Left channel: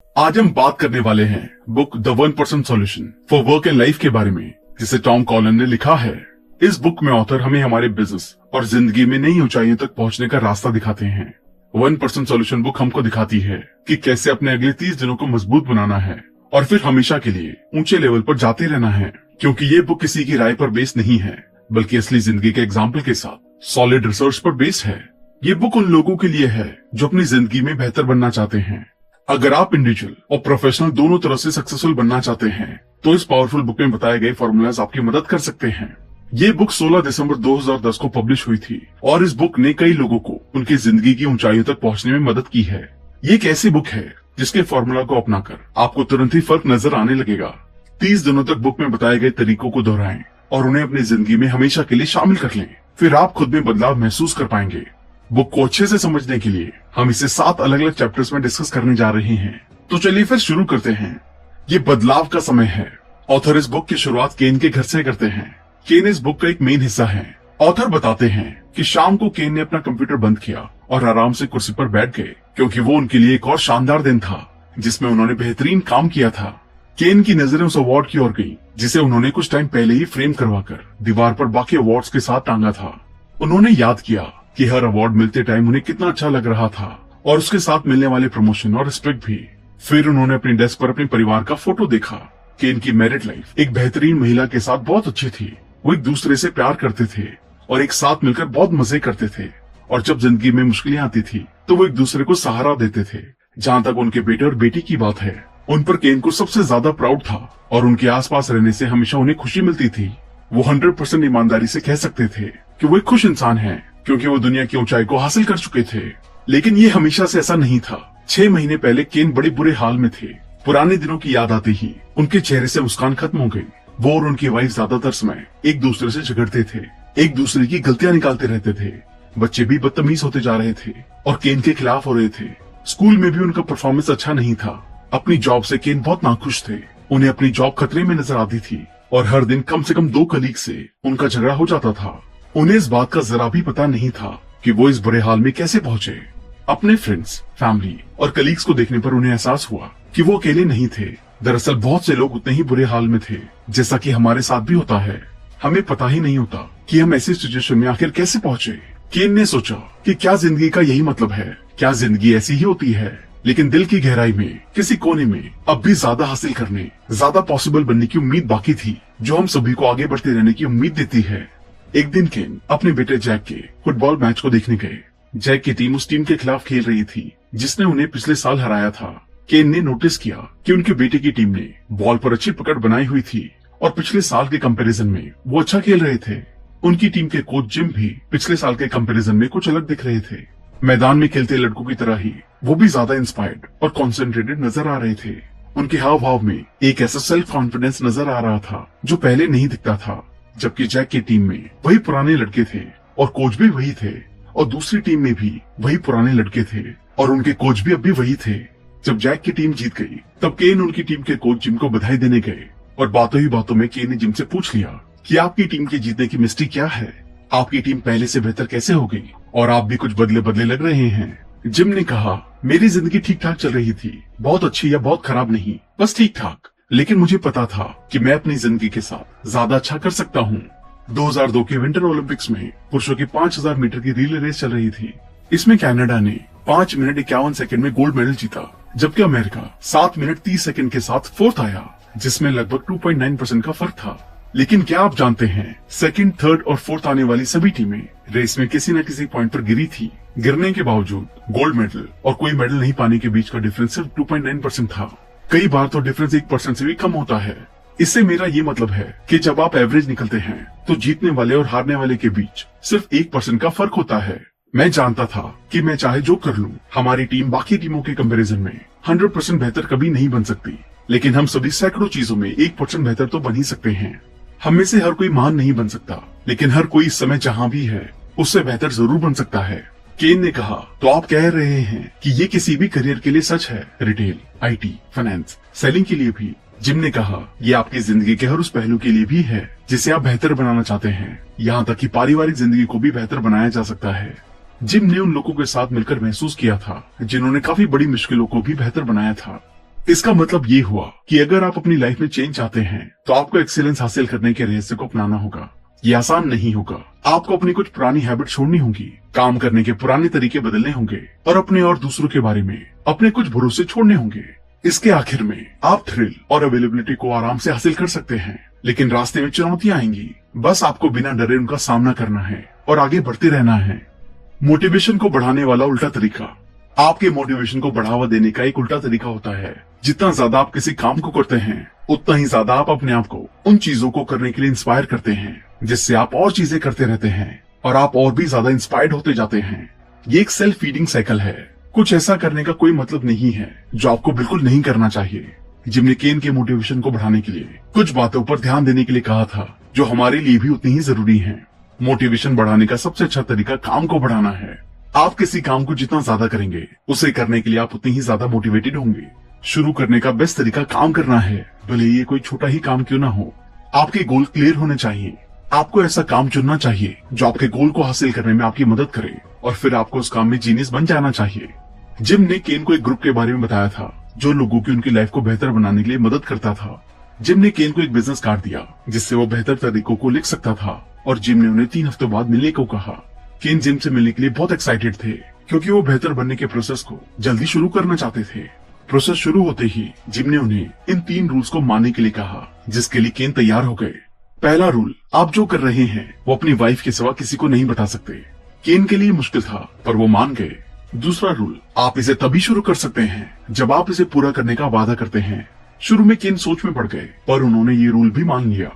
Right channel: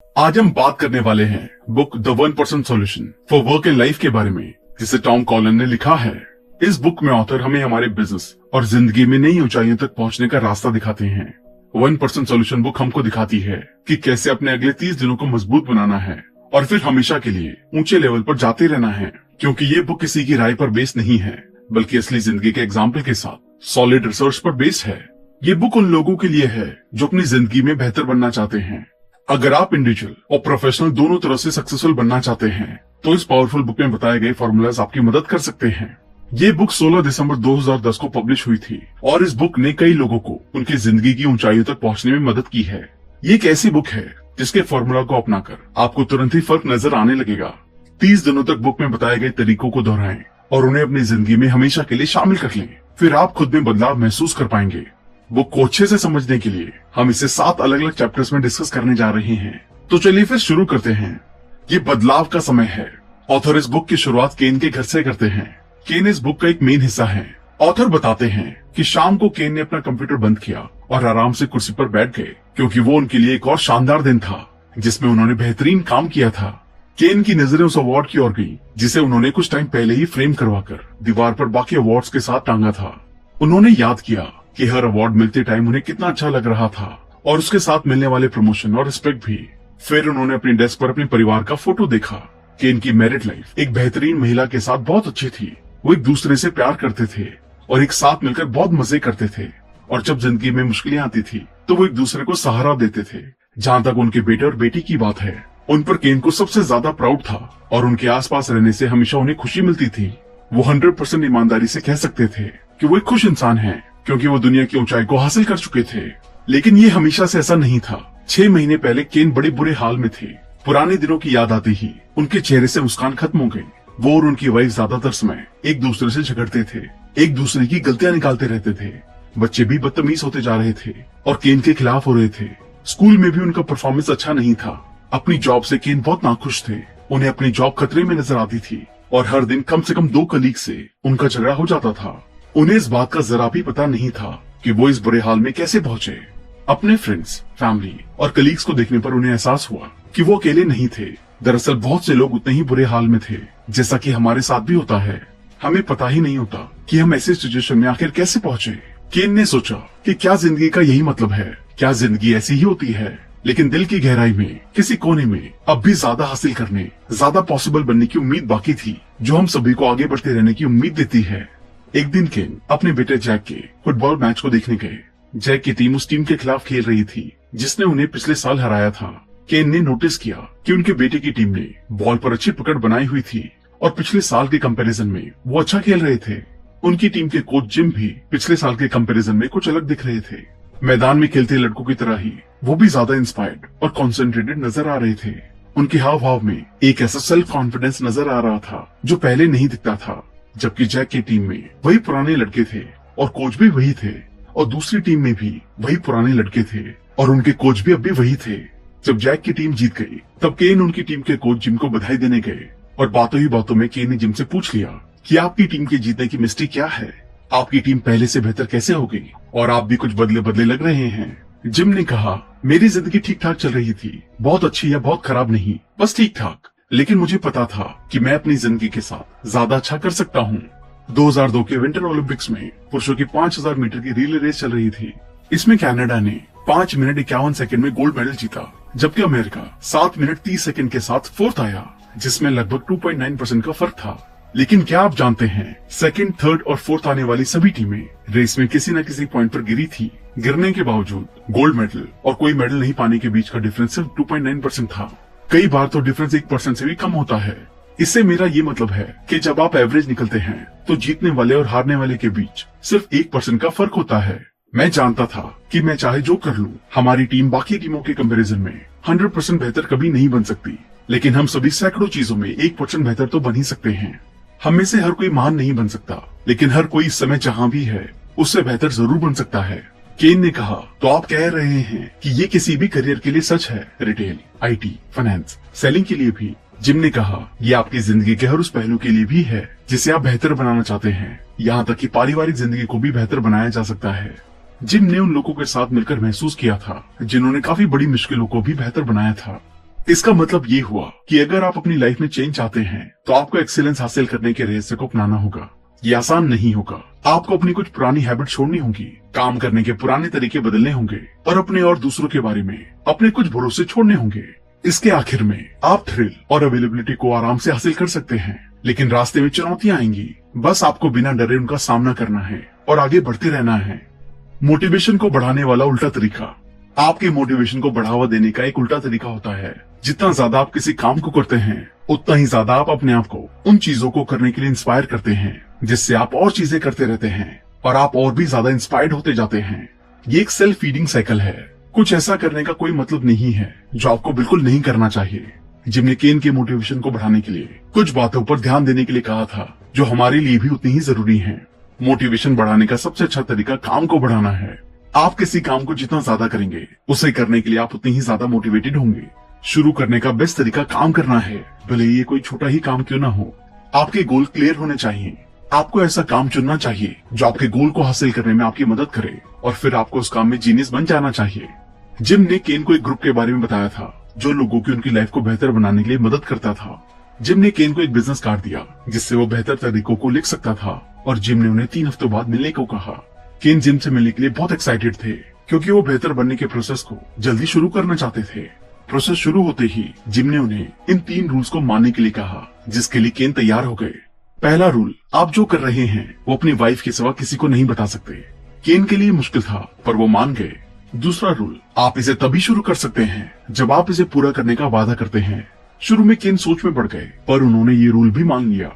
आज हम बात करने वाले हैं book the 1% solution for work and life के बारे में, जिसे टॉम कॉलन ने लिखा है। इस बुक में ऑथर हमें हमारे बिजनेस और जिंदगी में नई ऊंचाइयों तक पहुंचने का रास्ता दिखाते हैं। 1% सॉल्यूशन बुक हमको दिखाती है कि कैसे अपने अगले 30 दिनों को मजबूत बनाना है और फिर हमेशा के लिए ऊंचे लेवल पर जाते रहना है, क्योंकि ये बुक किसी की राय पर बेस नहीं है, बल्कि असली जिंदगी के एग्जाम्पल के साथ सॉलिड रिसर्च पर बेस है। ये बुक उन लोगों के लिए है जो अपनी जिंदगी में बेहतर बनना चाहते हैं। अगर आप इंडिविजुअल और प्रोफेशनल दोनों तरह से सक्सेसफुल बनना चाहते हैं, तो इस पावरफुल बुक में बताए गए फॉर्मूलाज आपकी मदद कर सकते हैं। ये बुक 16 दिसंबर 2010 को पब्लिश हुई थी और इस बुक ने कई लोगों को उनकी जिंदगी की ऊंचाइयों तक पहुंचने में मदद की है। ये एक ऐसी बुक है जिसके फॉर्मूला को अपनाकर आपको तुरंत ही फर्क नजर आने लगेगा। 30 दिनों तक बुक में बताए गए तरीकों को दोहराएं और उन्हें अपनी जिंदगी में हमेशा के लिए शामिल कर लें, फिर आप खुद में बदलाव महसूस कर पाएंगे। बुक को अच्छे से समझने के लिए हम इसे 7 अलग अलग चैप्टर्स में डिस्कस करने जा रहे हैं। तो चलिए फिर शुरू करते हैं। ये बदलाव का समय है। ऑथर इस बुक की शुरुआत केन के घर से करते हैं। केन इस बुक का एक मेन हिस्सा है। ऑथर बताते हैं कि शाम को केन ने अपना कंप्यूटर बंद किया और आराम से कुर्सी पर बैठ गए, क्योंकि वो उनके लिए एक और शानदार दिन था जिसमें उन्होंने बेहतरीन काम किया था। केन की नजरें उस अवार्ड की ओर गई जिसे उन्होंने कुछ टाइम पहले ही फ्रेम करवाकर दीवार पर बाकी अवार्ड्स के साथ टांगा था। उन्होंने याद किया कि हर अवार्ड मिलते टाइम उन्हें कितना अच्छा लग रहा था और उसके साथ मिलने वाले प्रमोशन और रिस्पेक्ट भी। फिर उन्होंने अपनी डेस्क पर अपने परिवार का फोटो देखा कि इनकी मैरिड लाइफ एक बेहतरीन महिला के साथ बहुत अच्छी थी। वो एक दूसरे से प्यार करते थे और एक साथ मिलकर बहुत मजे करते थे, और जब जिंदगी में मुश्किलें आती थी तो वो एक दूसरे को सहारा देते थे। जहाँ तक उनके बेटे और बेटी की बात है, उन पर केन को सबसे ज्यादा प्राउड था और उनके आसपास रहने से हमेशा उन्हें खुशी मिलती थी। वो 100% ईमानदारी से कह सकते थे कि वो एक खुश इंसान है, क्योंकि वो दुनिया की ऊंचाई को हासिल कर चुके थे। लेकिन ये हमेशा से ऐसा नहीं था। 6 महीने पहले केन बड़े बुरे हाल में थे। पुराने दिनों की याद आती ही उनके चेहरे से मुस्कान खत्म हो गई। वो और उनकी वाइफ ज्यादातर समय एक दूसरे से झगड़ते थे, एक दूसरे की गलतियां निकालते रहते थे। बच्चे भी बदतमीज होते जा रहे थे और केन के खिलाफ हो रहे थे। स्कूल में भी उनका परफॉर्मेंस अच्छा नहीं था। अपनी जॉब से केन बहुत नाखुश थे। उन्हें अपनी जॉब खतरे में नजर आती थी और हर दिन कम से कम 2 कलीग से उनका झगड़ा हो जाता था। उन्हें इस बात का जरा भी पता नहीं था कि वो इस बुरे हाल में कैसे पहुंचे। अपने फ्रेंड्स, फैमिली और कलीग्स को देखने पर उन्हें एहसास हुआ कि वो अकेले नहीं थे। दरअसल बहुत से लोग उतने ही बुरे हाल में थे, जैसा कि हमारे साथ भी होता है। हमें पता ही नहीं होता कि हम ऐसे सिचुएशन में आखिर कैसे पहुंचे। केन ने सोचा कि क्या जिंदगी का यही मतलब है? क्या जिंदगी ऐसी ही होती है? लेकिन दिल की गहराई में किसी कोने में अब भी ज्यादा हासिल करने, ज्यादा पॉसिबल बनने की उम्मीद बाकी थी, जो हम सभी को आगे बढ़ते रहने की उम्मीद देती है। एक दिन केन अपने बेटे जैक के फुटबॉल मैच को देखने गए। जैक की टीम उस टीम के खिलाफ खेल रही थी जिसने उन्हें पिछले साल हराया था। केन ने नोटिस किया कि उनके बेटे की टीम ने बॉल पर अच्छी पकड़ बनाई हुई थी और पिछले साल के कंपैरिजन में वो अच्छा खेल रहे थे। उनकी टीम के कोच जिम भी पिछले साल के कंपैरिजन में कुछ अलग दिख रहे थे। मैदान में खेलते लड़कों की तरह ही वो भी ज्यादा इंस्पायर्ड और कॉन्सेंट्रेटेड नजर आ रहे थे। उनके हाव भाव में एक ऐसा सेल्फ कॉन्फिडेंस नजर आ रहा था जो पहले नहीं दिखता था। जबकि जैक की टीम में वही पुराने लड़के थे और कोच भी वही थे, और दूसरी टीम में भी वही पुराने लड़के थे और उनके कोच भी अब भी वही थे। जब जैक की टीम जीत गई तब केन उनकी टीम के कोच जिम को बधाई देने गए और बातों ही बातों में केन ने जिम से पूछ लिया कि आपकी टीम के जीतने की मिस्ट्री क्या है? आपकी टीम पहले से बेहतर कैसे हो गई और आप भी कुछ बदले बदले लग रहे हैं। जिम ने कहा, मेरी जिंदगी ठीक ठाक चल रही थी, बहुत अच्छी या बहुत खराब नहीं, बस ठीक ठाक। लेकिन मुझे पता था कि मैं अपनी जिंदगी के साथ ज्यादा अच्छा कर सकता हूँ। 2002 के विंटर ओलंपिक्स में पुरुषों की 5000 मीटर की रिले रेस चल रही थी। इसमें कनाडा ने 5 मिनट 51 सेकंड में गोल्ड मेडल जीता, जबकि अमेरिका 7 मिनट 30 सेकंड के साथ फोर्थ आया, जिसमें लगभग 2.9% का फर्क था। लेकिन क्या आप जानते हैं, सेकंड, थर्ड और फोर्थ आने वाली सभी टीमें रेस में किसी न किसी पॉइंट पर गिरी थी। गिरने के बावजूद गोल्ड मेडल और कोई मेडल नहीं पाने के बीच का डिफरेंस सिर्फ 2.9% था। कई बार तो डिफरेंस 1% से भी कम होता है। इससे मेरा ये मतलब है कि जब आप एवरेज निकलते हैं तो जीतने वाले और हारने वाले के बीच सिर्फ 1% का फर्क होता है। मैं जानता था कि मैं चाहे जो कर लूं, हमारी टीम बाकी टीमों के कंपैरिजन में 100% बेहतर कभी नहीं बन सकती, लेकिन हम सभी सैकड़ों चीजों में 1% बेहतर तो बन ही सकते हैं। हम में से हर कोई महान नहीं बन सकता, लेकिन हर कोई इस समय जहाँ भी है उससे बेहतर जरूर बन सकता है। केन ने कहा, तो आप कह रहे हैं कि ये किसी भी करियर के लिए सच है? रिटेल, आईटी, फाइनेंस, सेलिंग के लिए भी? जिम ने कहा, ये आपकी जिंदगी के हर उस पहलू के लिए भी है जिसे आप बेहतर बनाना चाहते हैं। यहाँ तक कि पारिवारिक जिंदगी को भी बेहतर बनाया जा सकता है। जिम ने उन लोगों के साथ मिलकर महसूस किया था जिन्होंने काफी बड़ी मुश्किलों को भी बेहतर बनाया था। इसका मतलब ये हुआ कि अगर आप अपनी लाइफ में चेंज चाहते हैं तो आपको एक्सीलेंस हासिल करने के रहस्य को अपनाना होगा। ये आसान नहीं होगा। आपको अपनी कुछ पुरानी हैबिट छोड़नी होगी, काम करने के पुराने तरीके बदलने होंगे और अपने और दूसरों के बारे में अपने कुछ भरोसे छोड़ने होंगे। इसके आखिर में आप थ्रिल और अवेलेबिलिटी को आराम से हासिल कर सकते हैं, लेकिन रास्ते में चुनौतियां आएंगी। बस आपको बिना डरे उनका सामना करना है और आगे बढ़ते रहना है। मोटिवेशन को बढ़ाने वाला उल्टा तरीका। आपके मोटिवेशन को बढ़ावा देने का एक उल्टा तरीका होता है। जितना ज्यादा आप किसी काम को करते हैं उतना ही ज्यादा आप अपने आप को उन चीजों को करने के लिए इंस्पायर करते हैं, जिससे आप और चीजें करते रहते हैं और आप और भी ज्यादा इंस्पायर्ड होते जाते हैं। ये एक सेल्फ फीडिंग साइकिल है। कुछ ऐसा करने का कोई मतलब नहीं है जो आपको बिल्कुल नहीं करना चाहिए। जिम ने केन के मोटिवेशन को बढ़ाने के लिए कुछ बातों पर ध्यान देने के लिए कहा था जो हमारे लिए भी उतनी ही जरूरी है। मोटिवेशन बढ़ाने का सबसे अच्छा तरीका काम को बढ़ाना है। आप किसी काम को जितना ज्यादा करेंगे उसे करने के लिए आप उतनी ही ज्यादा मोटिवेटेड होंगे। शुरू करने का बेस्ट तरीका काम करना है, भले ये कोई छोटा ही काम क्यों ना हो। आपके गोल क्लियर होने चाहिए। आपको ऐसा काम चुनना चाहिए जो आपके गोल को हासिल करने में आपकी मदद करे और फिर आपको उस काम में जीनियस बन जाना चाहिए। जिम ने केन को एक ग्रुप के बारे में बताया था जो लोगों की उनकी लाइफ को बेहतर बनाने के लिए मदद करता था। जिम ने केन को एक बिजनेस कार्ड दिया जिससे वो बेहतर तरीकों को लिख सकता था और जिम ने उन्हें 3 हफ्तों बाद मिलने को कहा। केन जिम से मिलने के लिए बहुत एक्साइटेड थे क्योंकि वो बेहतर बनने के प्रोसेस को जल्दी शुरू करना चाहते थे। प्रोसेस शुरू होते ही जिम ने उन्हें इन 3 रूल्स को मानने के लिए कहा, जिसके लिए केन तैयार हो गए। पहला रूल, आप जो कर रहे हैं वो अपनी वाइफ के सिवा किसी को नहीं बता सकते। केन के लिए मुश्किल था पर वो मान गए। दूसरा रूल, आप इसे तभी शुरू कर सकते हैं जब आप इसे पूरा करने का वादा करते हैं। शुरू में केन सोच में पड़ गए पर उन्होंने ये रूल भी मान लिया।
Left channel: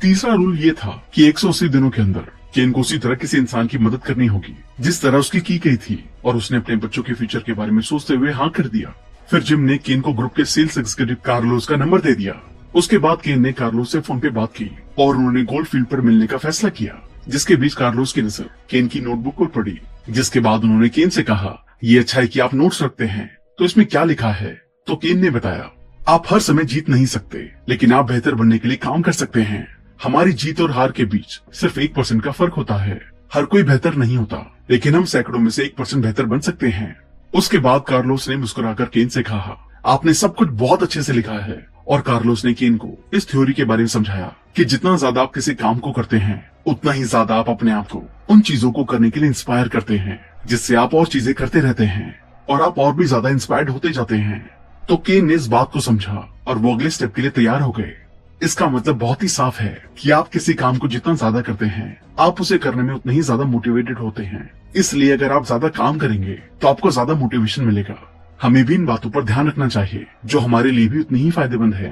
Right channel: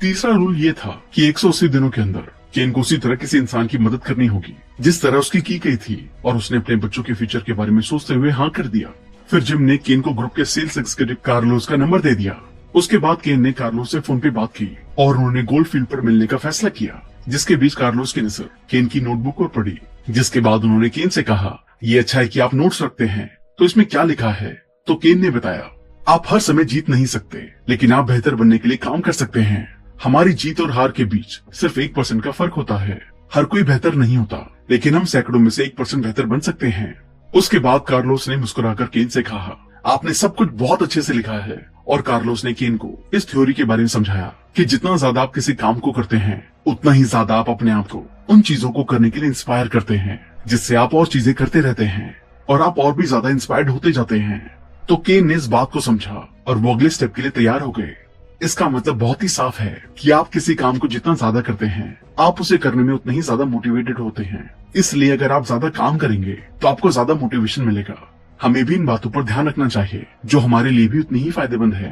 तीसरा रूल ये था कि 180 दिनों के अंदर केन को उसी तरह किसी इंसान की मदद करनी होगी जिस तरह उसकी की गई थी और उसने अपने बच्चों के फ्यूचर के बारे में सोचते हुए हाँ कर दिया। फिर जिम ने केन को ग्रुप के सेल्स एग्जीक्यूटिव कार्लोस का नंबर दे दिया। उसके बाद केन ने कार्लोस से फोन पे बात की और उन्होंने गोल्ड फील्ड पर मिलने का फैसला किया। जिसके बीच कार्लोस की नजर केन की नोटबुक पर पड़ी, जिसके बाद उन्होंने केन से कहा, ये अच्छा है कि आप नोट्स रखते हैं, तो इसमें क्या लिखा है? तो केन ने बताया, आप हर समय जीत नहीं सकते लेकिन आप बेहतर बनने के लिए काम कर सकते हैं। हमारी जीत और हार के बीच सिर्फ 1% का फर्क होता है। हर कोई बेहतर नहीं होता लेकिन हम सैकड़ों में से 1% बेहतर बन सकते हैं। उसके बाद कार्लोस ने मुस्कुराकर केन से कहा, आपने सब कुछ बहुत अच्छे से लिखा है। और कार्लोस ने केन को इस थ्योरी के बारे में समझाया कि जितना ज्यादा आप किसी काम को करते हैं उतना ही ज्यादा आप अपने आप को उन चीजों को करने के लिए इंस्पायर करते हैं, जिससे आप और चीजें करते रहते हैं और आप और भी ज्यादा इंस्पायर्ड होते जाते हैं। तो केन ने इस बात को समझा और वो अगले स्टेप के लिए तैयार हो गए। इसका मतलब बहुत ही साफ है कि आप किसी काम को जितना ज्यादा करते हैं आप उसे करने में उतने ही ज्यादा मोटिवेटेड होते हैं। इसलिए अगर आप ज्यादा काम करेंगे तो आपको ज्यादा मोटिवेशन मिलेगा। हमें भी इन बातों पर ध्यान रखना चाहिए जो हमारे लिए भी उतनी ही फायदेमंद है।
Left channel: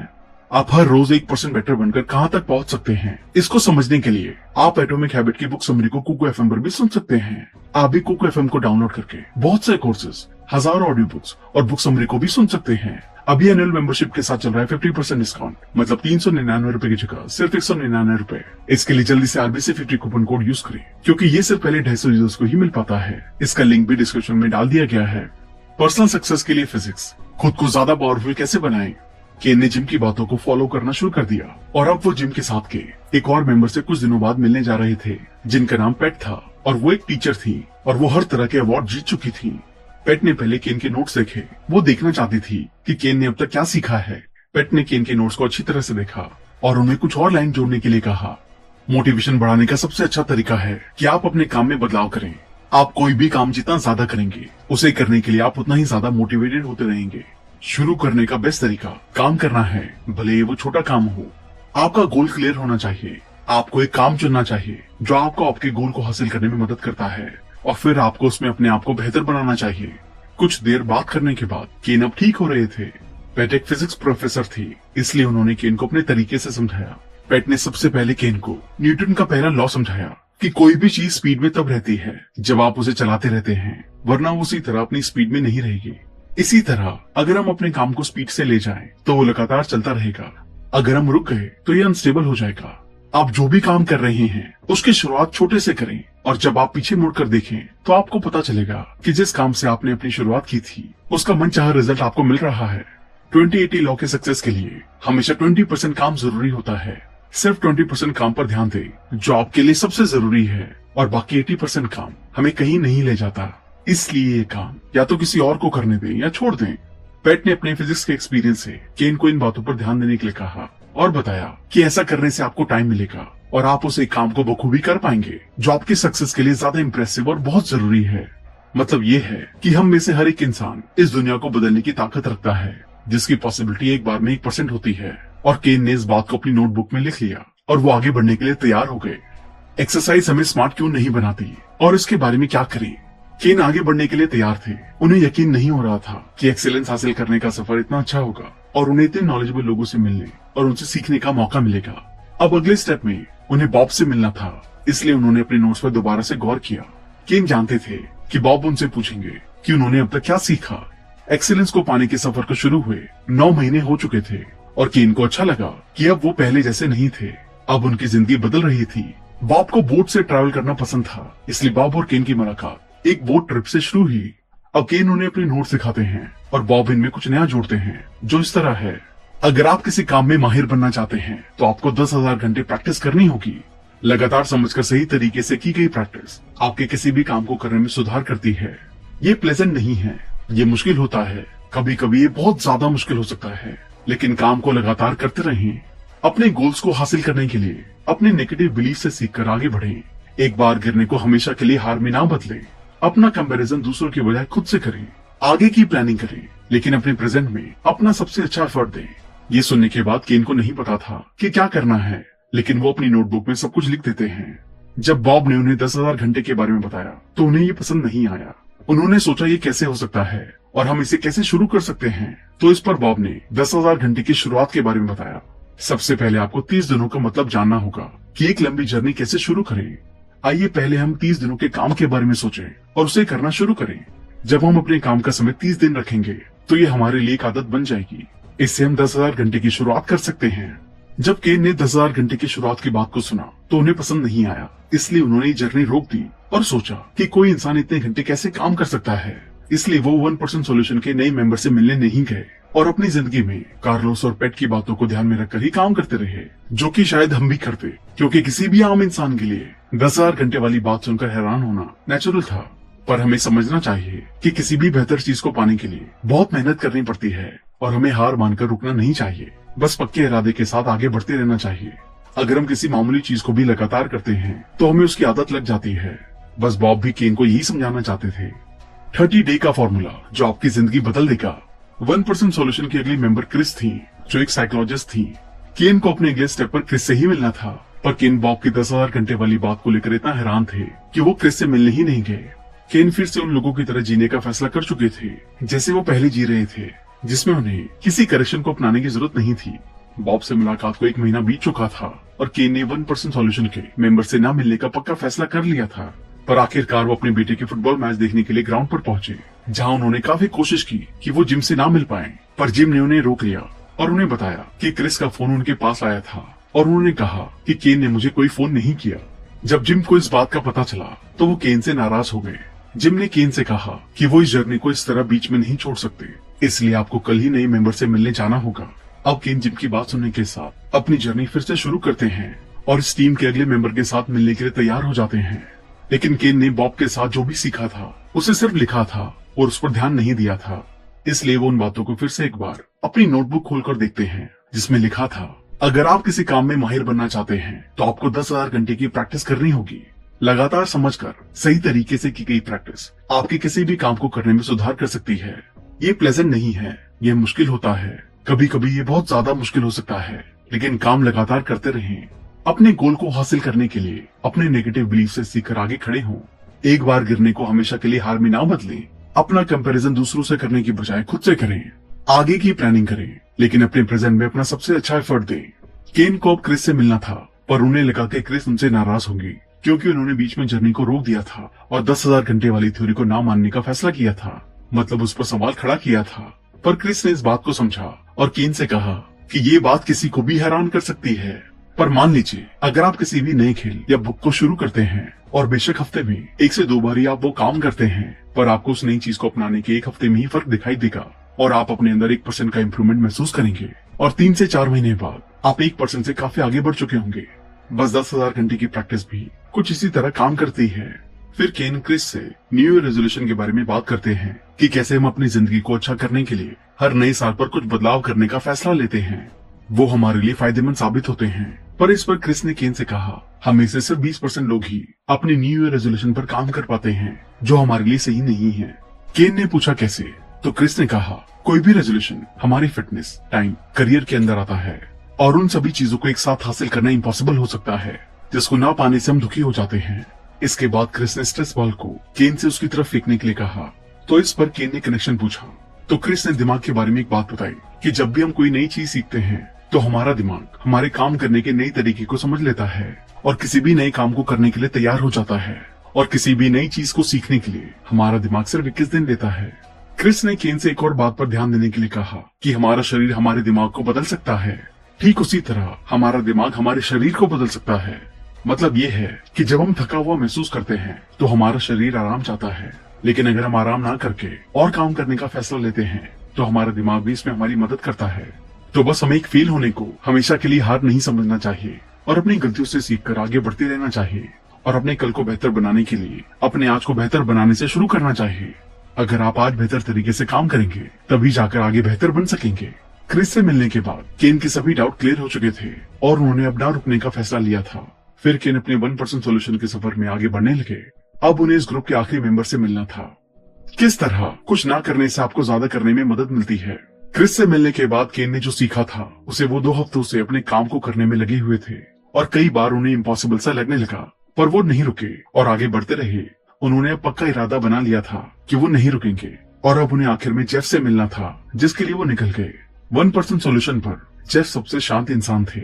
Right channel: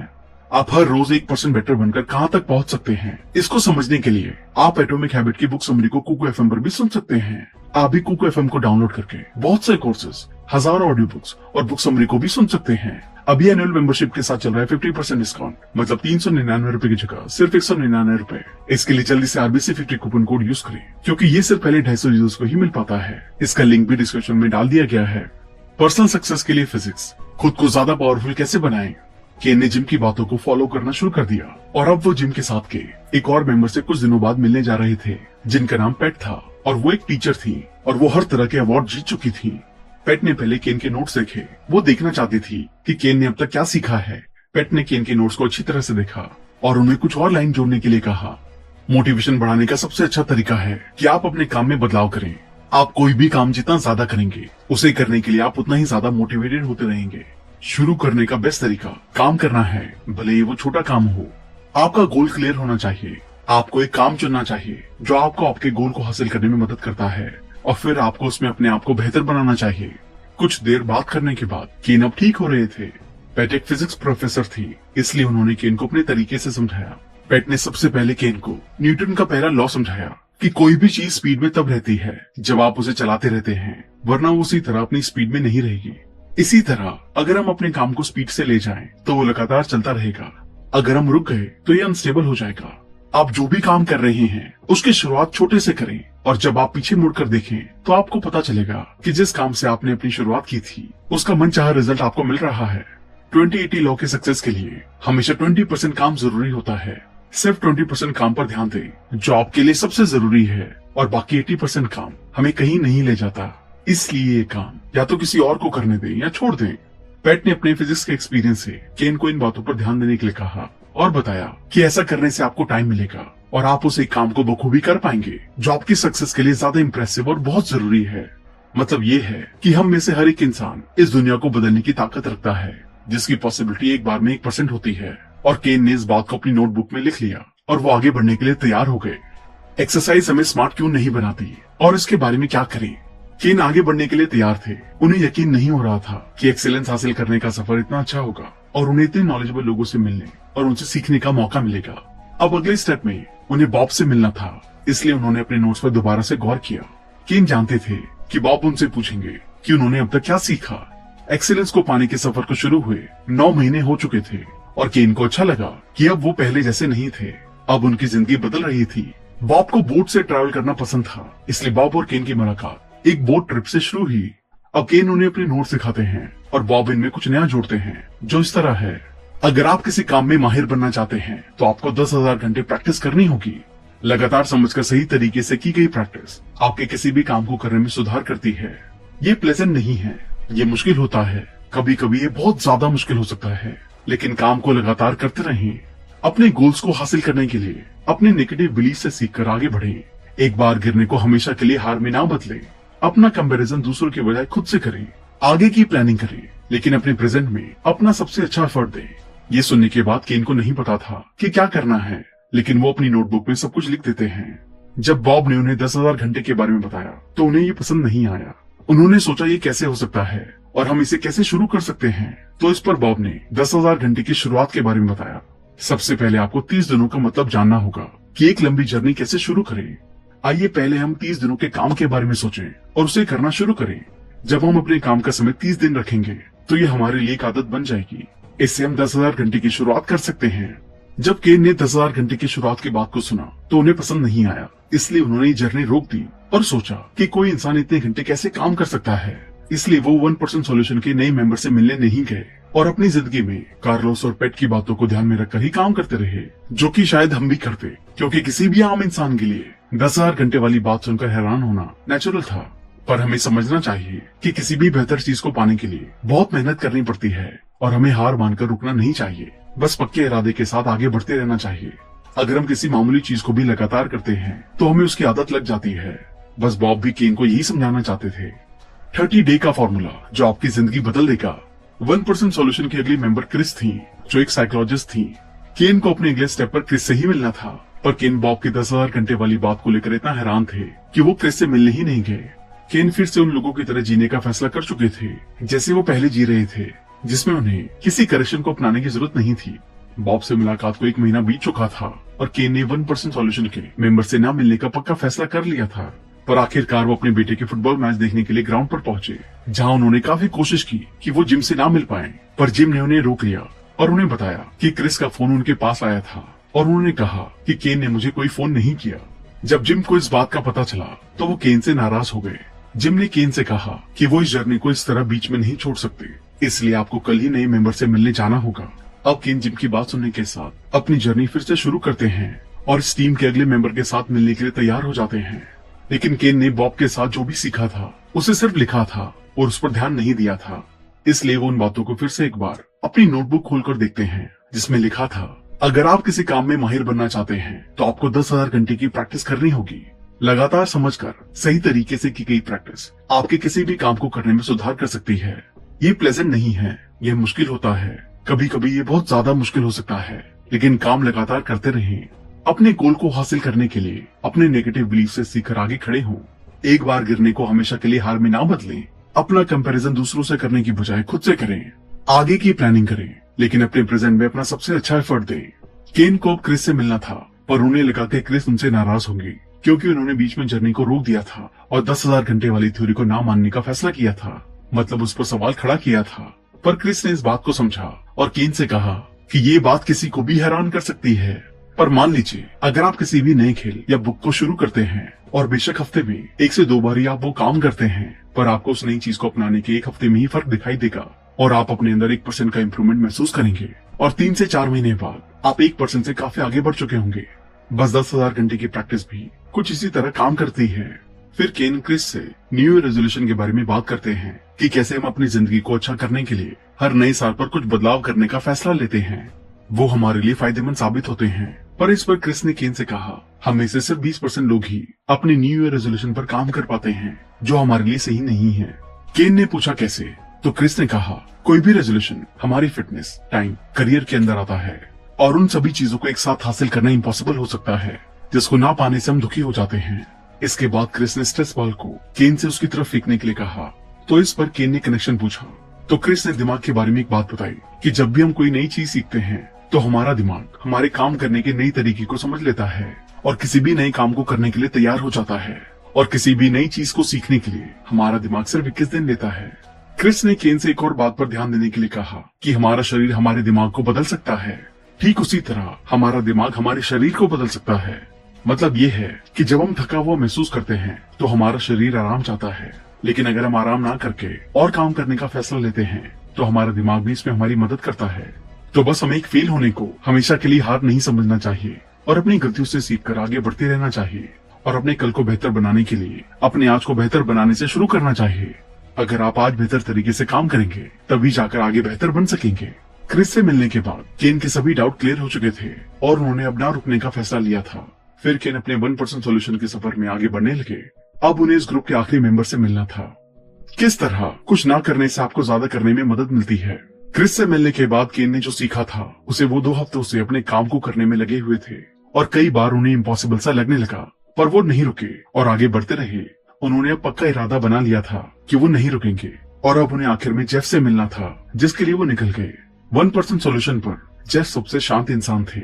आप हर रोज 1% बेटर बनकर कहां तक पहुंच सकते हैं, इसको समझने के लिए आप एटॉमिक हैबिट की बुक समरी को कुको एफएम पर भी सुन सकते हैं। आप भी कुको एफएम को डाउनलोड करके बहुत से कोर्सेज, हजारों ऑडियो बुक्स और बुक समरी को भी सुन सकते हैं। अभी एनुअल मेंबरशिप के साथ चल रहा है 50% डिस्काउंट, मतलब 399 रूपए की जगह सिर्फ 199 रूपए। इसके लिए जल्दी से RBC50 कूपन कोड यूज करें क्योंकि ये सिर्फ पहले 250 यूजर्स को ही मिल पाता है। इसका लिंक भी डिस्क्रिप्शन में डाल दिया गया है। पर्सनल सक्सेस के लिए फिजिक्स, खुद को ज्यादा पावरफुल कैसे बनाएं? केन ने जिम की बातों को फॉलो करना शुरू कर दिया और अब वो जिम के साथ के एक और मेंबर से कुछ दिनों बाद मिलने जा रहे थे जिनका नाम पेट था और वो एक टीचर थी और वो हर तरह के अवार्ड जीत चुकी थी। पेट ने पहले केन के नोट्स देखे। वो देखना चाहती थी कि केन ने अब तक क्या सीखा है। पेट ने केन के नोट्स को अच्छी तरह से देखा और उन्हें कुछ और लाइन जोड़ने के लिए कहा। मोटिवेशन बढ़ाने का सबसे अच्छा तरीका है कि आप अपने काम में बदलाव करें। आप कोई भी काम जितना ज्यादा करेंगे उसे करने के लिए आप उतना ही ज्यादा मोटिवेटेड होते रहेंगे। शुरू करने का बेस्ट तरीका काम करना है, भले ही वो छोटा काम हो। आपका गोल क्लियर होना चाहिए। आपको एक काम चुनना चाहिए जो आपको आपके गोल को हासिल करने में मदद करता है और फिर आपको उसमें अपने आप को बेहतर बनाना चाहिए। कुछ देर बात करने के बाद केन अब ठीक हो रहे थे। पेट एक फिजिक्स प्रोफेसर थी, इसलिए उन्होंने केन को अपने तरीके से समझाया। पेट ने सबसे पहले केन को न्यूटन का पहला लॉ समझाया कि कोई भी चीज स्पीड में तब रहती है जब आप उसे चलाते रहते हैं, वरना वो उसी तरह अपनी स्पीड में नहीं रहेगी। इसी तरह अगर हम अपने काम को स्पीड से ले जाएं, तो वो लगातार चलता रहेगा। अगर हम रुक गए तो ये अनस्टेबल हो जाएगा। आप जो भी काम कर रहे हैं उसकी शुरुआत छोटे से करें और जब आप पीछे मुड़कर देखें तो आपको पता चलेगा कि जिस काम से आपने अपनी शुरुआत की थी उसका मनचाहा रिजल्ट आपको मिल रहा है। 2080 लॉ के सक्सेस के लिए हमेशा 20% काम जरूरी होता है। सिर्फ 20% काम पर ध्यान दें जो आपके लिए सबसे जरूरी है और बाकी 80% काम हमें कहीं नहीं ले जाता। इसलिए ये काम या तो किसी और को करने दें या छोड़ दें। पेट ने अपने फिजिक्स के एक्सपीरियंस से केन को इन बातों पर ध्यान देने के लिए कहा और बताया कि ऐसा करने से आपको टाइम मिलेगा और आप उस एक काम को बखूबी कर पाएंगे जो आपकी सक्सेस के लिए ज्यादा इंप्रेसिव और बहुत जरूरी है। मतलब ये है कि हम में से हर एक इंसान इस दुनिया को बदलने की ताकत रखता है, जिसकी पॉसिबिलिटी एक बार में 1% होती है। और केन ने इस बात को अपनी नोटबुक में लिख लिया और वो आगे बढ़ने के लिए तैयार हो गए। एक्सरसाइज हमें स्मार्ट क्यों नहीं बनाती और इसके बारे में क्या करें? केन आगे बढ़ने के लिए तैयार थे। उन्हें यकीन नहीं हो रहा था कि एक्सीलेंस हासिल करने का सफर इतना अच्छा होगा और उन्हें इतने नॉलेजेबल लोगों से मिलने और उनसे सीखने का मौका मिलेगा। अब अगले स्टेप में उन्हें बॉब से मिलना था, इसलिए उन्होंने अपने नोट्स पर दोबारा से गौर किया। केन जानते थे कि बॉब उनसे पूछेंगे कि उन्होंने अब तक क्या सीखा। एक्सीलेंस को पाने के सफर को शुरू हुए 9 महीने हो चुके थे और केन को अच्छा लगा कि अब वो पहले जैसे नहीं थे। अब उनकी जिंदगी बदल रही थी। बॉब को बोट से ट्रैवल करना पसंद था, इसलिए बॉब और केन की मुलाकात एक बोट ट्रिप से शुरू हुई। अब केन उन्हें अपने नोट सिखाते हैं और बॉब इनमें कुछ नया जोड़ते हैं जो इस तरह है। अगर आप किसी काम में माहिर बनना चाहते हैं तो आपको 10,000 घंटे प्रैक्टिस करनी होगी। लगातार समझकर सही तरीके से की गई प्रैक्टिस आपके किसी भी काम को करने में सुधार करती है। ये प्लेजेंट नहीं है, ये मुश्किल होता है। कभी कभी ये बहुत ज्यादा मुश्किल हो सकता है, लेकिन काम को लगातार करते रहें। अपने गोल्स को हासिल करने के लिए अपने नेगेटिव बिलीफ से सीखकर आगे बढ़ें। एक बार गिरने को हमेशा के लिए हार में ना बदलें। अपना कंपैरिजन दूसरों के बजाय खुद से करें। आगे की प्लानिंग करें, लेकिन अपने प्रेजेंट में अपना सबसे अच्छा एफर्ट दें। ये सुनने के बाद केन को नहीं पता था कि क्या करना है, लेकिन वो अपनी नोटबुक में सब कुछ लिख देते हैं। जब बॉब ने उन्हें 10,000 घंटे के बारे में बताया तो उन्हें ये पसंद नहीं आया। उन्होंने सोचा ये कैसे हो सकता है और हम इसे कैसे शुरू कर सकते हैं। तो इस पर बॉब ने 10,000 घंटे की शुरुआत के बारे में बताया। सबसे पहले आपको 30 दिनों का मतलब जानना होगा कि एक लंबी जर्नी कैसे शुरू करें। आइए पहले हम 30 दिनों के काम के बारे में सोचें और उसे करना शुरू करें। जब हम अपने काम का समय 30 दिन रखेंगे तो ये हमारे लिए एक आदत बन जाएगी। इससे हम 10,000 घंटे की शुरुआत कर सकते हैं। जब केन ने 10,000 घंटे की शुरुआत की बात को सुना तो उन्हें पसंद नहीं आया, इसलिए उन्होंने जर्नी रोक दी और सोचा कि कोई इंसान इतने घंटे कैसे काम कर सकता है। इसलिए वो 1% सॉल्यूशन के नए मेंबर से मिलने नहीं गए और अपनी जिंदगी में कार्लोस और पेट की बातों को ध्यान में रखकर ही काम करते रहे, जो कि शायद हम भी करते, क्योंकि किसी भी आम इंसान के लिए 10,000 घंटे वाली बात सुनकर हैरान होना नेचुरल था। पर हमें समझना चाहिए कि किसी भी बेहतर चीज को पाने के लिए बहुत मेहनत करनी पड़ती है और हमें हार मानकर रुकना नहीं चाहिए। बस पक्के इरादे के साथ आगे बढ़ते रहना चाहिए। अगर हम किसी मामूली चीज को भी लगातार करते हैं तो हमें उसकी आदत लग जाती है। बस बॉब भी केन को यही समझाना चाहते थे। 30 डे का फॉर्मूला जो आपकी जिंदगी बदल देगा। 1% सॉल्यूशन की अगली मेंबर क्रिस थी, जो एक साइकोलॉजिस्ट थी। केन को अपने अगले स्टेप पर क्रिस से ही मिलना था, पर केन बॉब की 10,000 घंटे वाली बात को लेकर इतना हैरान थे कि वो क्रिस से मिलने ही नहीं गए। केन फिर से उन लोगों की तरह जीने का फैसला कर चुके थे जैसे वो पहले जी रहे थे, जिसमें उन्हें किसी करेक्शन को अपनाने की जरूरत नहीं थी। बॉब से मुलाकात को 1 महीना बीत चुका था और केन ने 1% सॉल्यूशन के मेंबर से न मिलने का पक्का फैसला कर लिया था। पर आखिरकार वो अपने बेटे के फुटबॉल मैच देखने के लिए ग्राउंड पर पहुंचे, जहां उन्होंने काफी कोशिश की कि वो जिम से ना मिल पाए, पर जिम ने उन्हें रोक लिया और उन्हें बताया कि क्रिस का फोन उनके पास आया था और उन्होंने कहा कि केन ने मुझे कोई फोन नहीं किया। जब जिम को इस बात का पता चला तो वो केन से नाराज हो गए। जिम ने केन से कहा कि वो इस जर्नी को इस तरह बीच में नहीं छोड़ सकते, इसलिए आपको कल ही नए मेंबर से मिलने जाना होगा। अब केन जिम की बात सुनने के साथ अपनी जर्नी फिर से शुरू करते हैं और इस टीम के अगले मेंबर के साथ मिलने के लिए तैयार हो जाते हैं। लेकिन केन ने बॉब के साथ जो भी सीखा था उसे सिर्फ लिखा था और उस पर ध्यान नहीं दिया था, इसलिए वो उन बातों को फिर से एक बार अपनी नोटबुक खोलकर देखते हैं, जिसमें लिखा था, अगर आप किसी काम में माहिर बनना चाहते हैं तो आपको 10,000 घंटे की प्रैक्टिस करनी होगी। लगातार समझकर सही तरीके से की गई प्रैक्टिस आपके किसी भी काम को करने में सुधार कर सकती है। ये प्लेजेंट नहीं है, ये मुश्किल होता है, कभी कभी ये बहुत ज्यादा मुश्किल हो सकता है, लेकिन काम लगातार करते रहें। अपने गोल को हासिल करने के लिए अपने नेगेटिव बिलीफ से सीखकर आगे खड़े हों। एक बार गिरने को हमेशा के लिए हार में ना बदलें। अपना कंपैरिजन दूसरों से करने की बजाय खुद से करें। आगे की प्लानिंग करें, लेकिन अपने प्रेजेंट में अपना सबसे अच्छा एफर्ट दें। केन को अब क्रिस से मिलना था, पर उन्हें लगा कि क्रिस उनसे नाराज होंगी, क्योंकि उन्होंने बीच में जर्नी को रोक दिया था और 10,000 घंटे वाली थ्योरी को ना मानने का फैसला किया था, मतलब उस पर सवाल खड़ा किया था। पर क्रिस ने इस बात को समझा और केन से कहा कि ये बात किसी को भी हैरान कर सकती है। पर मान लीजिए, अगर आप किसी भी नए खेल या बुक को शुरू करते हैं और बेशक हफ्ते में 1 से 2 बार ही आप वो काम करते हैं, पर आपको उस नई चीज को अपनाने के 1 हफ्ते में ही फर्क दिखाई देगा और आप अपने अंदर 1% का इम्प्रूवमेंट महसूस करेंगे और 3 से 4 महीने बाद आप 1% से काफी आगे बढ़ चुके होंगे। बस 10,000 घंटे की प्रैक्टिस भी कुछ इसी तरह काम करती है। फिर केन क्रिस से न्यू ईयर रेजोल्यूशन के बारे में बात करते हैं कि कैसे हम अपनी जिंदगी को अच्छा करने के लिए हर नए साल पर कुछ बदलाव करने का फैसला लेते हैं। वो हमारे लिए फायदेमंद साबित होते हैं। पर इस पर क्रिस ने केन से कहा, हमें से सिर्फ 20% लोग ही अपने न्यू ईयर रेजोल्यूशन पर काम कर पाते हैं, जो हमारे लिए सही नहीं है। केन ने पूछा कैसे, तो क्रिस ने कहा, कोई भी रेजोल्यूशन हमारी फिटनेस, टाइम, करियर के अंदर आता है और उन सभी चीजों को एक साथ हासिल करना इम्पॉसिबल हो सकता है, जिसको ना पाने से हम दुखी हो जाते हैं। इसके बाद क्रिस ने स्ट्रेस बॉल को केन से उसकी तरफ फेंकने के लिए कहा, तो इस पर केन ने कनेक्शन पूछा। तो क्रिस ने दिमाग के बारे में एक बात बताई कि जब भी हम कोई नई चीज सीखते हैं तो हमारा दिमाग हमारे काम करने के नई तरीके को समझ लेता है और किसी भी नए काम को करने के लिए तैयार हो जाता है। और किसी भी नई चीज को सीखने के लिए हमारा दिमाग सिर्फ 21 दिन लेता है। क्रिस ने केन से एक और बात पर ध्यान देने के लिए कहा कि हमारा शरीर हमारे दिमाग को बदल सकता है, ठीक उसी तरह हमारा दिमाग हमारे शरीर को बदल सकता है। मतलब ये है कि जब हम थका हुआ महसूस करते हैं तो हमारा शरीर आराम चाहता है, लेकिन अगर हम आराम ना करके और काम करने का फैसला लेते हैं तो हमारा दिमाग भी इसमें हमारी मदद करता है। तो बस हमें एक फेल होने को हमेशा के लिए हार नहीं समझना चाहिए और अपनी गलतियों से सीखकर आगे बढ़ते रहना चाहिए और अपने कल को बेहतर बनाने के लिए अपने आज को बेहतर बनाने से शुरू करना चाहिए। अगर आप आज बेहतर तरीके से काम करेंगे तभी जाकर आगे बेहतर बन सकेंगे। क्रिस से मिलने के बाद केन के सभी डाउट क्लियर हो चुके थे और उन्होंने अब ना रुकने का फैसला लिया था। फिर केन अपने 1% सोल्यूशन के सफर में आगे बढ़ने लगे। अब उन्हें इस ग्रुप के आखिरी मेंबर से मिलना था। किस तरह कुछ ना करने से आपको ज्यादा करने में मदद मिलती है। क्रिस से मिलने के बाद केन ने जो सीखा था उसे वो 2 हफ्तों से अपने काम को करने में लगे हुए थे और कई बार उन्हें इम्पॉसिबल सा लगने लगा, पर वो नहीं रुके और आगे बढ़ते रहे। उन्होंने अब पक्का इरादा बना लिया था कि वो नहीं रुकेंगे और अब उन्हें आखिर में जेफ से मिलना था, जिसके लिए वो निकल गए। 1% सोल्यूशन पर जेफ सबसे शांत इंसान थे।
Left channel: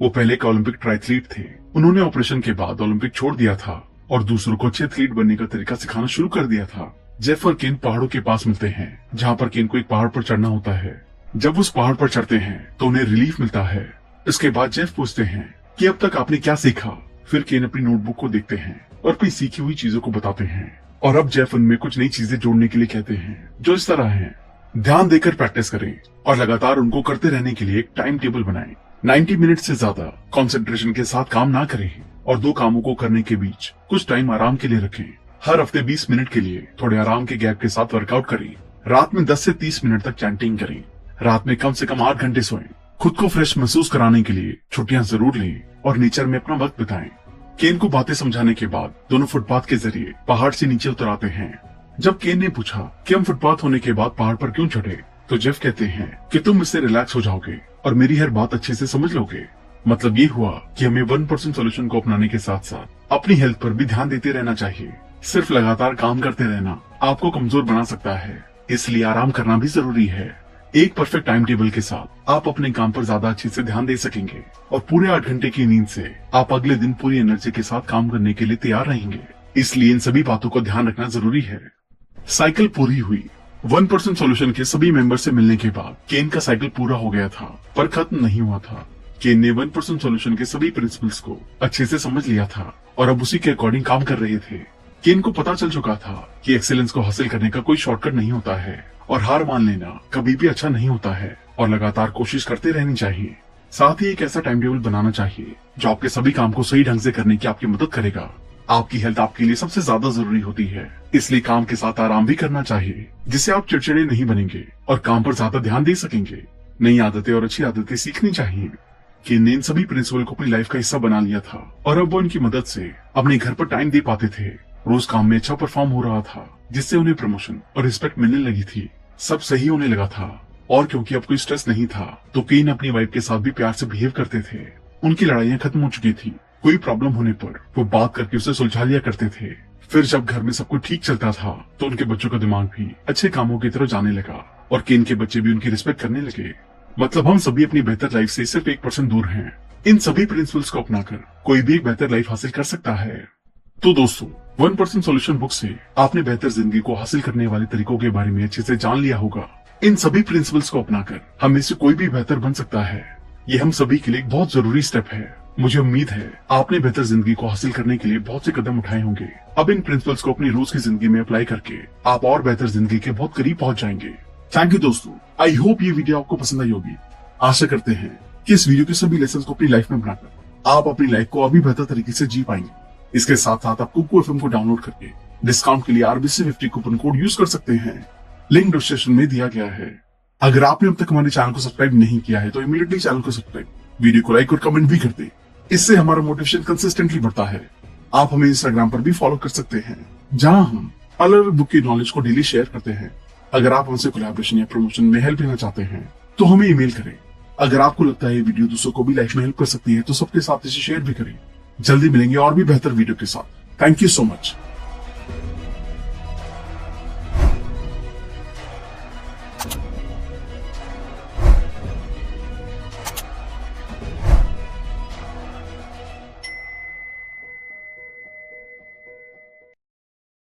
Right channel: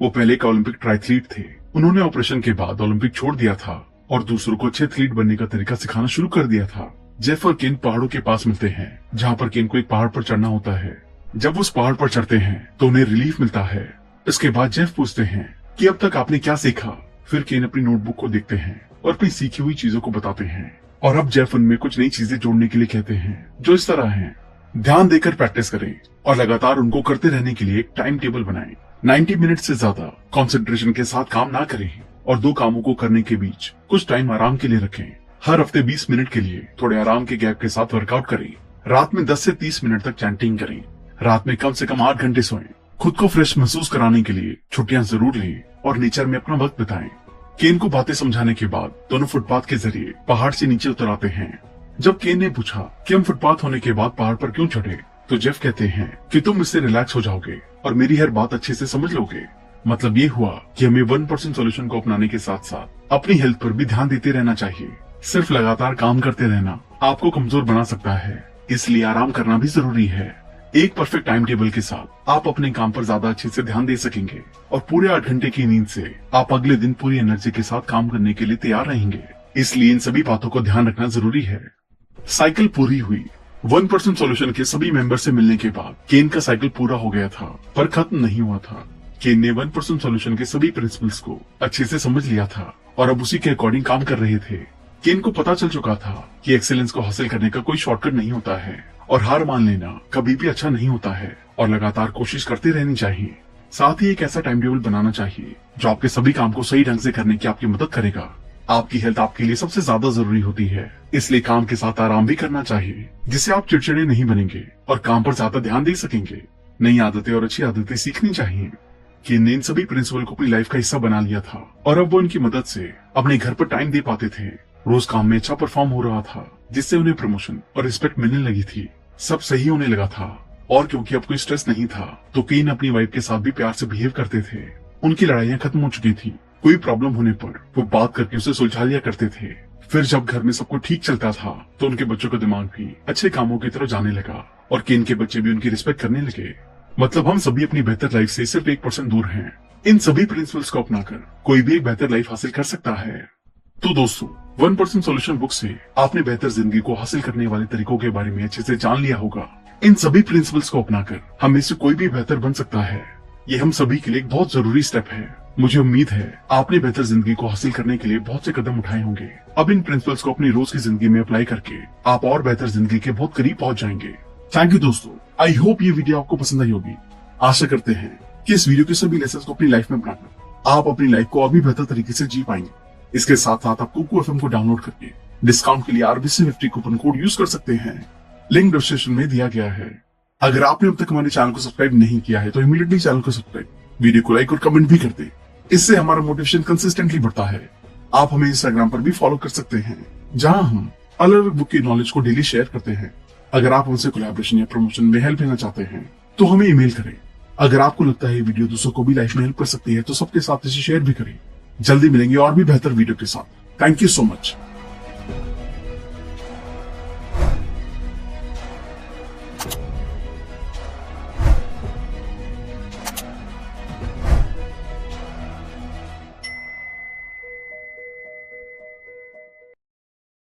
वो पहले का ओलंपिक ट्रायथलीट थे। उन्होंने ऑपरेशन के बाद ओलंपिक छोड़ दिया था और दूसरों को अच्छे एथलीट बनने का तरीका सिखाना शुरू कर दिया था। जेफ और केन पहाड़ों के पास मिलते हैं, जहाँ पर केन को एक पहाड़ पर चढ़ना होता है। जब उस पहाड़ पर चढ़ते हैं तो उन्हें रिलीफ मिलता है। इसके बाद जेफ पूछते हैं कि अब तक आपने क्या सीखा। फिर केन अपनी नोटबुक को देखते हैं और अपनी सीखी हुई चीजों को बताते हैं और अब जेफ उनमें कुछ नई चीजें जोड़ने के लिए कहते हैं, जो इस तरह हैं। ध्यान देकर प्रैक्टिस करें और लगातार उनको करते रहने के लिए एक टाइम टेबल बनाएं। 90 मिनट से ज्यादा कंसंट्रेशन के साथ काम ना करें और 2 कामों को करने के बीच कुछ टाइम आराम के लिए रखें। हर हफ्ते 20 मिनट के लिए थोड़े आराम के गैप के साथ वर्कआउट करें। रात में 10 से 30 मिनट तक चैंटिंग करें। रात में कम से कम 8 घंटे सोएं। खुद को फ्रेश महसूस कराने के लिए छुट्टियां जरूर लें और नेचर में अपना वक्त बिताएं। केन को बातें समझाने के बाद दोनों फुटपाथ के जरिए पहाड़ से नीचे उतर आते हैं। जब केन ने पूछा कि हम फुटपाथ होने के बाद पहाड़ पर क्यों चढ़े, तो जेफ कहते हैं कि तुम इससे रिलैक्स हो जाओगे और मेरी हर बात अच्छे से समझ लोगे। मतलब ये हुआ कि हमें 1% सोल्यूशन को अपनाने के साथ साथ अपनी हेल्थ पर भी ध्यान देते रहना चाहिए। सिर्फ लगातार काम करते रहना आपको कमजोर बना सकता है, इसलिए आराम करना भी जरूरी है। एक परफेक्ट टाइम टेबल के साथ आप अपने काम पर ज्यादा अच्छे से ध्यान दे सकेंगे और पूरे 8 घंटे की नींद से आप अगले दिन पूरी एनर्जी के साथ काम करने के लिए तैयार रहेंगे। इसलिए इन सभी बातों को ध्यान रखना जरूरी है। साइकिल पूरी हुई। 1% सोल्यूशन के सभी मेंबर से मिलने के बाद केन का साइकिल पूरा हो गया था, पर खत्म नहीं हुआ था। केन ने 1% सोल्यूशन के सभी प्रिंसिपल्स को अच्छे से समझ लिया था और अब उसी के अकॉर्डिंग काम कर रहे थे। केन को पता चल चुका था कि एक्सीलेंस को हासिल करने का कोई शॉर्टकट नहीं होता है और हार मान लेना कभी भी अच्छा नहीं होता है और लगातार कोशिश करते रहनी चाहिए। साथ ही एक ऐसा टाइम टेबल बनाना चाहिए जो आपके सभी काम को सही ढंग से करने की आपकी मदद करेगा। आपकी हेल्थ आपके लिए सबसे ज्यादा जरूरी होती है, इसलिए काम के साथ आराम भी करना चाहिए, जिससे आप चिड़चिड़े नहीं बनेंगे और काम पर ज्यादा ध्यान दे सकेंगे। नई आदतें और अच्छी आदतें सीखनी चाहिए। केन ने इन सभी प्रिंसिपल को अपनी लाइफ का हिस्सा बना लिया था और अब वो उनकी मदद से अपने घर पर टाइम दे पाते थे। रोज काम में अच्छा परफॉर्म हो रहा था, जिससे उन्हें प्रमोशन और रिस्पेक्ट मिलने लगी थी। सब सही होने लगा था और क्योंकि अब कोई स्ट्रेस नहीं था तो केन अपनी वाइफ के साथ भी प्यार से बिहेव करते थे। उनकी लड़ाइयां खत्म हो चुकी थी। कोई प्रॉब्लम होने पर वो बात करके उसे सुलझा लिया करते थे। फिर जब घर में सब कुछ ठीक चलता था तो उनके बच्चों का दिमाग भी अच्छे कामों की तरफ जाने लगा और केन के बच्चे भी उनकी रिस्पेक्ट करने लगे। मतलब हम सभी अपनी बेहतर लाइफ से सिर्फ 1% दूर हैं। इन सभी प्रिंसिपल्स को अपनाकर कोई भी एक बेहतर लाइफ हासिल कर सकता है। तो दोस्तों, 1% सोल्यूशन बुक से आपने बेहतर जिंदगी को हासिल करने वाले तरीकों के बारे में अच्छे से जान लिया होगा। इन सभी प्रिंसिपल्स को अपनाकर हम में से कोई भी बेहतर बन सकता है। ये हम सभी के लिए एक बहुत जरूरी स्टेप है। मुझे उम्मीद है आपने बेहतर जिंदगी को हासिल करने के लिए बहुत से कदम उठाए होंगे। अब इन प्रिंसिपल्स को अपनी रोज की जिंदगी में अप्लाई करके आप और बेहतर जिंदगी के बहुत करीब पहुंच जाएंगे। थैंक यू दोस्तों, आई होप ये वीडियो आपको पसंद आई होगी। आशा करते हैं कि इस वीडियो के सभी लेसन को अपनी लाइफ में बनाकर आप अपनी लाइफ को अभी बेहतर तरीके से जी पाएंगे। इसके साथ साथ आप कुकू एफएम को डाउनलोड करके डिस्काउंट के लिए RBC50 कूपन कोड यूज कर सकते हैं। लिंक डिस्क्रिप्शन में दिया गया है। अगर आपने अब तक हमारे चैनल को सब्सक्राइब नहीं किया है तो इमीडिएटली चैनल को सब्सक्राइब, वीडियो को लाइक और कमेंट भी कर दे। इससे हमारा मोटिवेशन कंसिस्टेंटली बढ़ता है। आप हमें इंस्टाग्राम पर भी फॉलो कर सकते हैं, जहां हम अलग अलग बुक की नॉलेज को डेली शेयर करते हैं। अगर आप हमसे कोलैबोरेशन या प्रमोशन में हेल्प लेना चाहते हैं तो हमें ईमेल करें। अगर आपको लगता है ये वीडियो दूसरों को भी लाइफ में हेल्प कर सकती है तो सबके साथ इसे शेयर भी करें। जल्दी मिलेंगे और भी बेहतर वीडियो के साथ। Thank you so much.